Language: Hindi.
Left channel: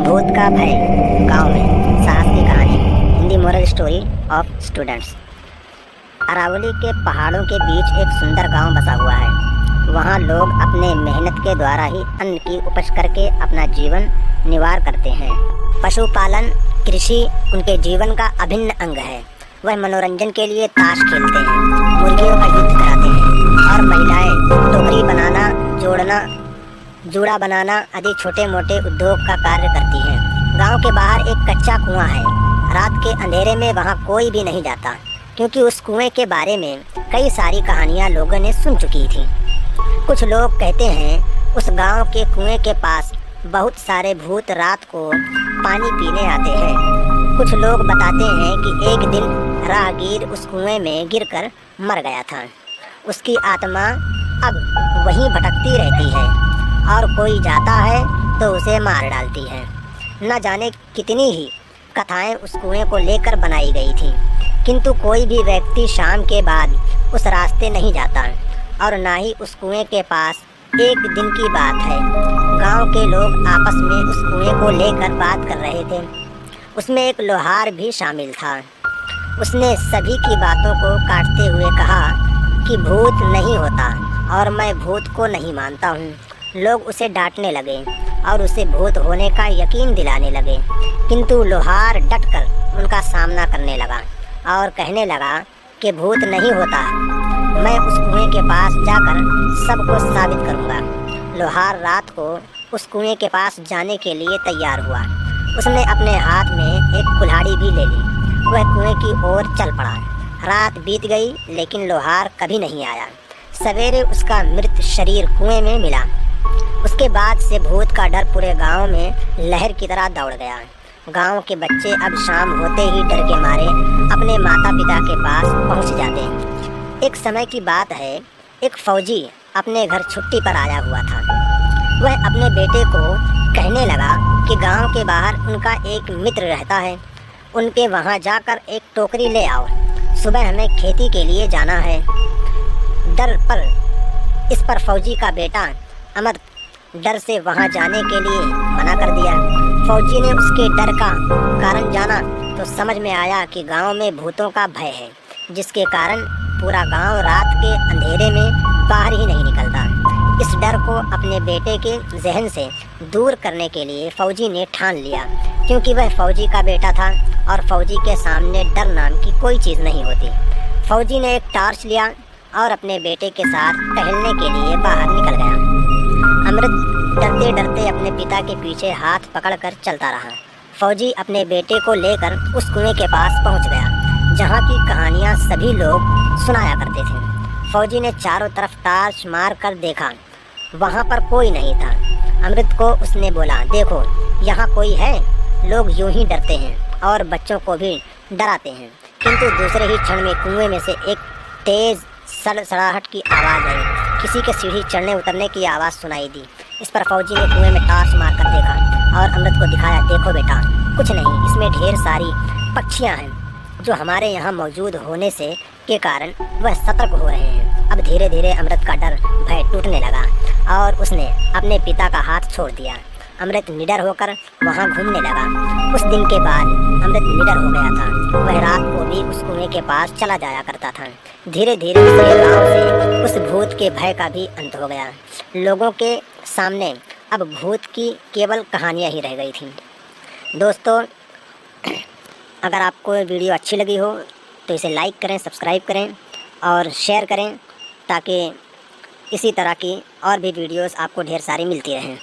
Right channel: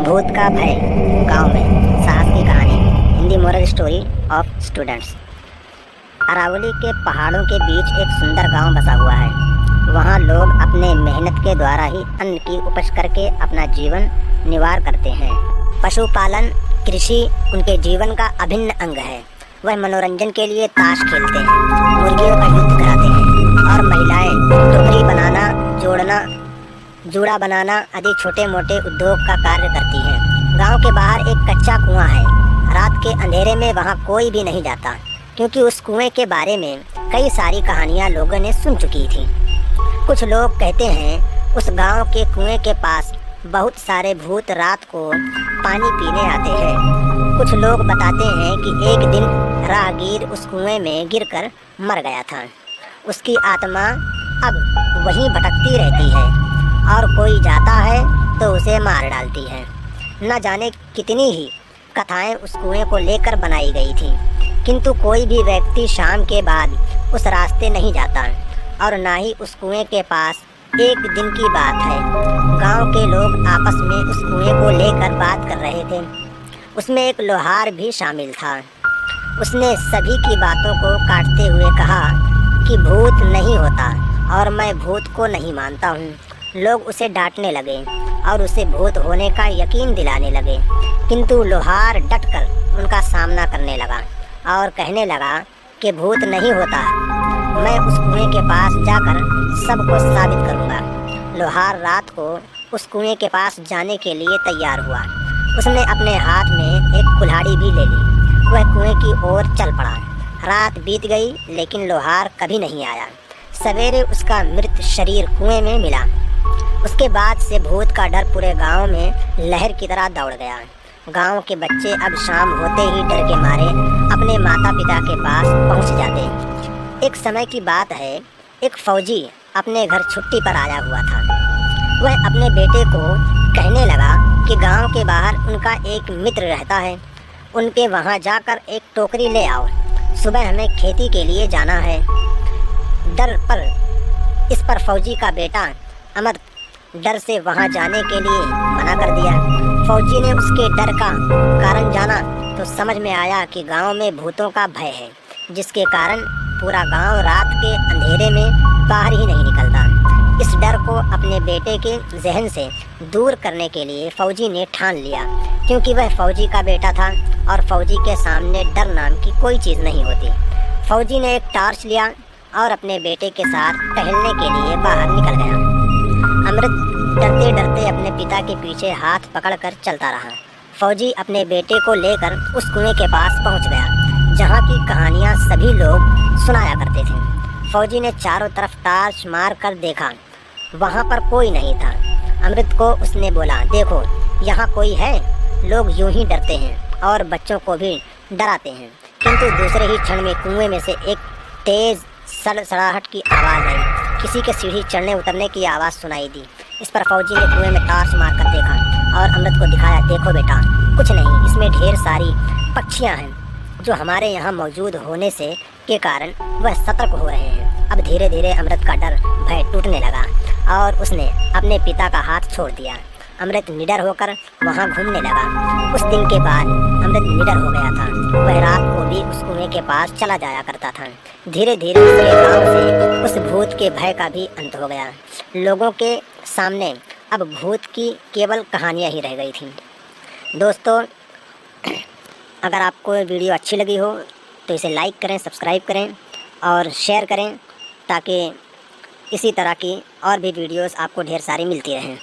भूत का भय गांव में साहस की कहानी। Hindi moral story of students. Aravalli के पहाड़ों के बीच एक सुंदर गांव बसा हुआ है। वहां लोग अपने मेहनत के द्वारा ही अन्न की उपज करके अपना जीवन निर्वाह करते हैं। पशुपालन कृषि उनके जीवन का अभिन्न अंग है। वह मनोरंजन के लिए ताश खेलते हैं, मुर्गियों का युद्ध कराते हैं और महिलाएं टोकरी बनाना, जूड़ा बनाना आदि छोटे मोटे उद्योग का कार्य करती हैं। गांव के बाहर एक कच्चा कुआं है। रात के अंधेरे में वहां कोई भी नहीं जाता, क्योंकि उस कुएं के बारे में कई सारी कहानियां लोगों ने सुन चुकी थी। कुछ लोग कहते हैं उस गांव के कुएं के पास बहुत सारे भूत रात को पानी पीने आते हैं। कुछ लोग बताते हैं कि एक दिन राहगीर उस कुएं में गिरकर मर गया था। उसकी आत्मा अब वहीं भटकती रहती है और कोई जाता है तो उसे मार डालती है। न जाने कितनी ही कथाएं उस कुएं को लेकर बनाई गई थी, किंतु कोई भी व्यक्ति शाम के बाद उस रास्ते नहीं जाता और ना ही उस कुएं के पास। एक दिन की बात है, गांव के लोग आपस में उस कुएं को लेकर बात कर रहे थे। उसमें एक लोहार भी शामिल था। उसने सभी की बातों को काटते हुए कहा कि भूत नहीं होता और मैं भूत को नहीं मानता हूँ। लोग उसे डांटने लगे और उसे भूत होने का यकीन दिलाने लगे, किंतु लोहार डटकर उनका सामना करने लगा और कहने लगा कि भूत नहीं होता, मैं उस कुएं के पास जाकर सबको साबित करूंगा। लोहार रात को उस कुएं के पास जाने के लिए तैयार हुआ। उसने अपने हाथ में एक कुल्हाड़ी भी ले ली। वह कुएं की ओर चल पड़ा। रात बीत गई, लेकिन लोहार कभी नहीं आया। सवेरे उसका मृत शरीर कुएं में मिला। उसके बाद से भूत का डर पूरे गांव में लहर की तरह दौड़ गया। गांव के बच्चे अब शाम होते ही डर के मारे अपने माता पिता के पास पहुंच जाते। एक समय की बात है, एक फौजी अपने घर छुट्टी पर आया हुआ था। वह अपने बेटे को कहने लगा कि गांव के बाहर उनका एक मित्र रहता है, उनके वहां जाकर एक टोकरी ले आओ। सुबह हमें खेती के लिए जाना है। इस पर फौजी का बेटा अमर डर से वहां जाने के लिए मना कर दिया। फौजी ने उसके डर का कारण जाना तो समझ में आया कि गांव में भूतों का भय है, जिसके कारण पूरा गांव रात के अंधेरे में बाहर ही नहीं निकलता। इस डर को अपने बेटे के जहन से दूर करने के लिए फौजी ने ठान लिया, क्योंकि वह फौजी का बेटा था और फौजी के सामने डर नाम की कोई चीज़ नहीं होती। फौजी ने एक टॉर्च लिया और अपने बेटे के साथ टहलने के लिए बाहर निकल गया। अमृत डरते डरते अपने पिता के पीछे हाथ पकड़कर चलता रहा। फौजी अपने बेटे को लेकर उस कुएं के पास पहुंच गया, जहां की कहानियां सभी लोग सुनाया करते थे। फौजी ने चारों तरफ टॉर्च मार कर देखा, वहां पर कोई नहीं था। अमृत को उसने बोला, देखो यहाँ कोई है। लोग यूं ही डरते हैं और बच्चों को भी डराते हैं, किंतु दूसरे ही क्षण में कुएं में से एक तेज सड़सड़ाहट की आवाज़ आई। किसी के सीढ़ी चढ़ने उतरने की आवाज़ सुनाई दी। इस पर फौजी ने कुएं में टॉर्च मारकर देखा और अमृत को दिखाया, देखो बेटा, कुछ नहीं, इसमें ढेर सारी पक्षियां हैं जो हमारे यहाँ मौजूद होने से के कारण वह सतर्क हो रहे हैं। अब धीरे धीरे अमृत का डर भय टूटने लगा और उसने अपने पिता का हाथ छोड़ दिया। अमृत निडर होकर वहाँ घूमने लगा। उस दिन के बाद अमृत निडर हो गया था। वह रात को भी उस कुएं के पास चला जाया करता था। धीरे धीरे उसके गांव से उस भूत के भय का भी अंत हो गया। लोगों के सामने अब भूत की केवल कहानियाँ ही रह गई थीं। दोस्तों, अगर आपको वीडियो अच्छी लगी हो तो इसे लाइक करें, सब्सक्राइब करें और शेयर करें, ताकि इसी तरह की और भी वीडियोस आपको ढेर सारी मिलती रहें।